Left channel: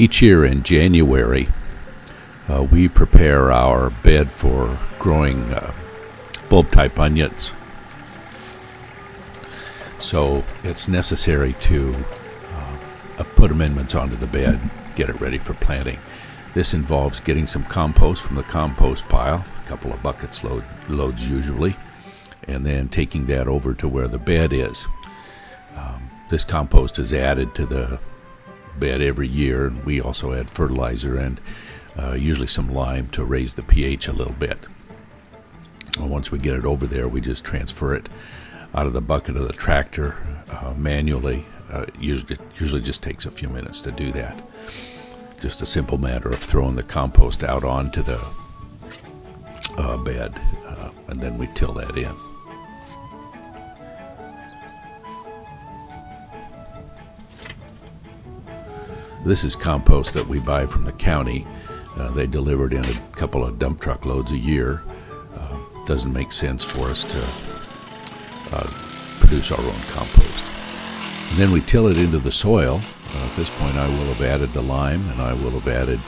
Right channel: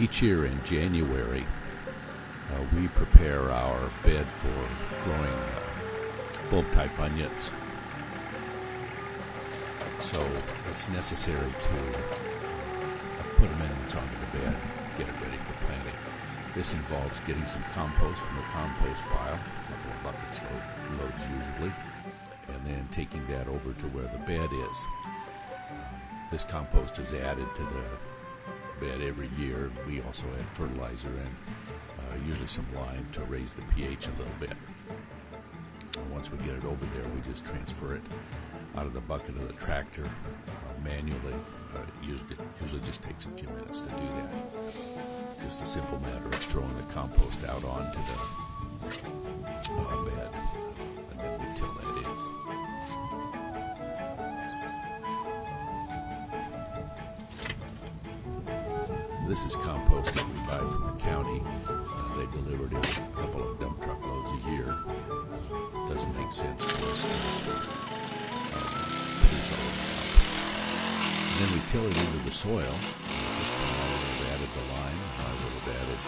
Each year in January, we prepare our bed for growing bulb-type onions. So it's necessary to put amendments onto the bed, get it ready for planting. This involves getting some compost from the compost pile, a couple of buckets loads usually, and then taking that over to where the bed is. This compost is added to the bed every year. We also add fertilizer and usually some lime to raise the pH a little bit. Once we get it over there, we just transfer it out of the bucket of the tractor manually. Usually just takes a few minutes to do that. Just a simple matter of throwing the compost out onto the bed, and then we till that in. This is compost that we buy from the county. They deliver it in a couple of dump truck loads a year. Doesn't make sense for us to produce our own compost. And then we till it into the soil. At this point I will have added the lime, and I will have added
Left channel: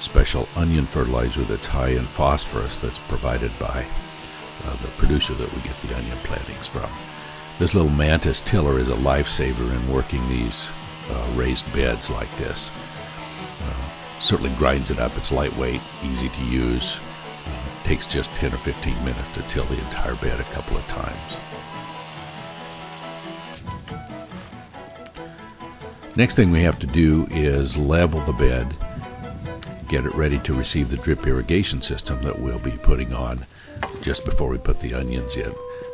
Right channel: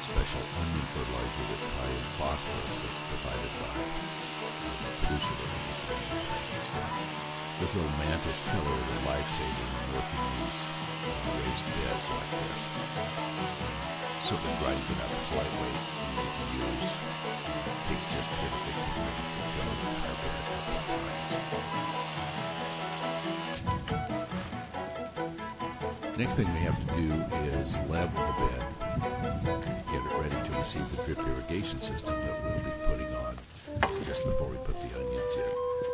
special onion fertilizer that's high in phosphorus that's provided by the producer that we get the onion plantings from. This little mantis tiller is a lifesaver in working these raised beds like this. Certainly grinds it up. It's lightweight, easy to use. Takes just 10 or 15 minutes to till the entire bed a couple of times. Next thing we have to do is level the bed, get it ready to receive the drip irrigation system that we'll be putting on just before we put the onions in.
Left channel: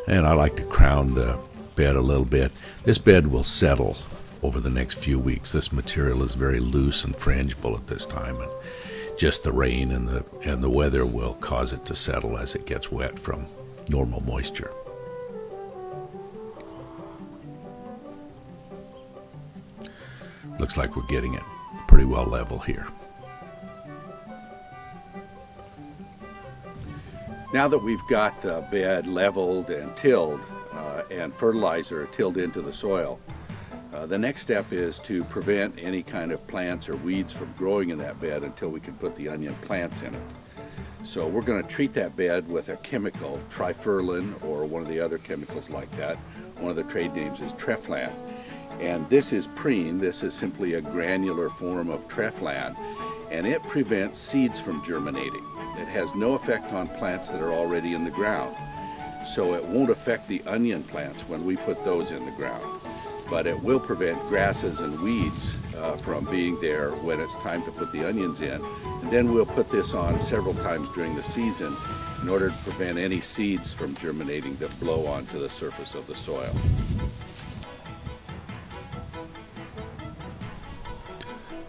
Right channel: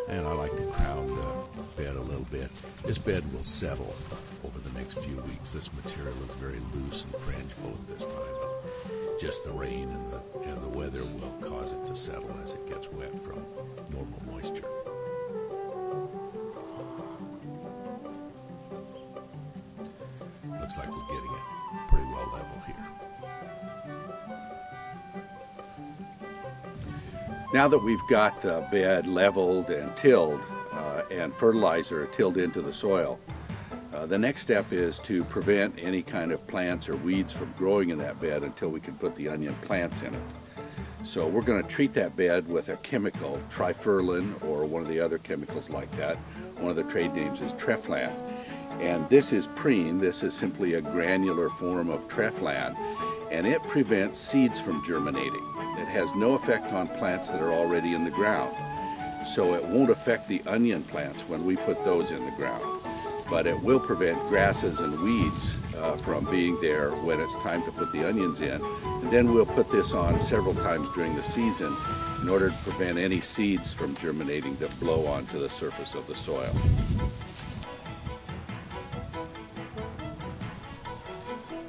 And I like to crown the bed a little bit. This bed will settle over the next few weeks. This material is very loose and frangible at this time, and just the rain and the weather will cause it to settle as it gets wet from normal moisture. Looks like we're getting it pretty well level here. Now that we've got the bed leveled and tilled and fertilizer tilled into the soil, the next step is to prevent any kind of plants or weeds from growing in that bed until we can put the onion plants in it. So we're going to treat that bed with a chemical, trifurlin, or one of the other chemicals like that. One of the trade names is Treflan. And this is preen. This is simply a granular form of Treflan, and it prevents seeds from germinating. It has no effect on plants that are already in the ground. So it won't affect the onion plants when we put those in the ground. But it will prevent grasses and weeds from being there when it's time to put the onions in. And then we'll put this on several times during the season in order to prevent any seeds from germinating that blow onto the surface of the soil.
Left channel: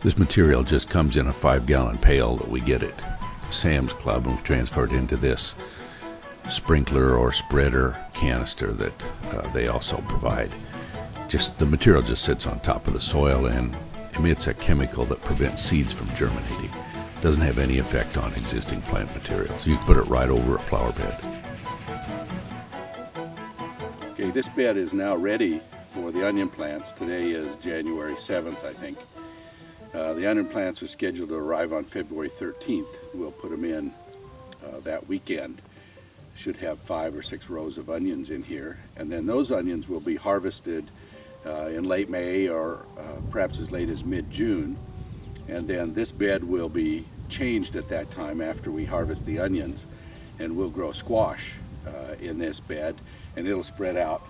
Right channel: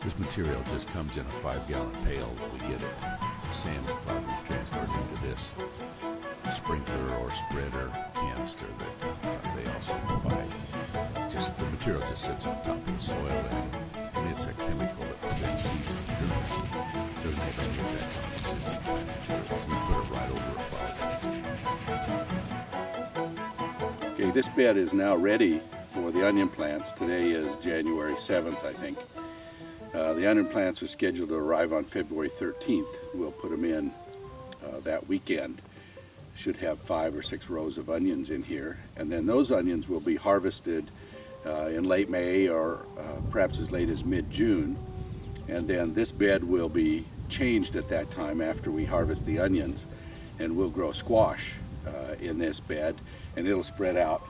This material just comes in a 5-gallon pail that we get at Sam's Club, and we transfer it into this sprinkler or spreader canister that they also provide. The material just sits on top of the soil and emits a chemical that prevents seeds from germinating. It doesn't have any effect on existing plant material, so you can put it right over a flower bed. Okay, this bed is now ready for the onion plants. Today is January 7th, I think. The onion plants are scheduled to arrive on February 13th. We'll put them in that weekend. Should have 5 or 6 rows of onions in here, and then those onions will be harvested in late May or perhaps as late as mid-June, and then this bed will be changed at that time after we harvest the onions, and we'll grow squash in this bed, and it'll spread out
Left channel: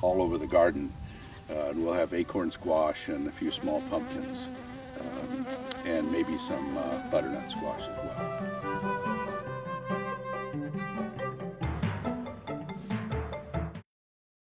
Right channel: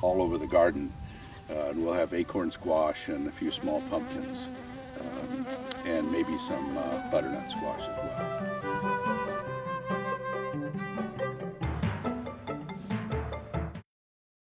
all over the garden, and we'll have acorn squash and a few small pumpkins and maybe some butternut squash as well.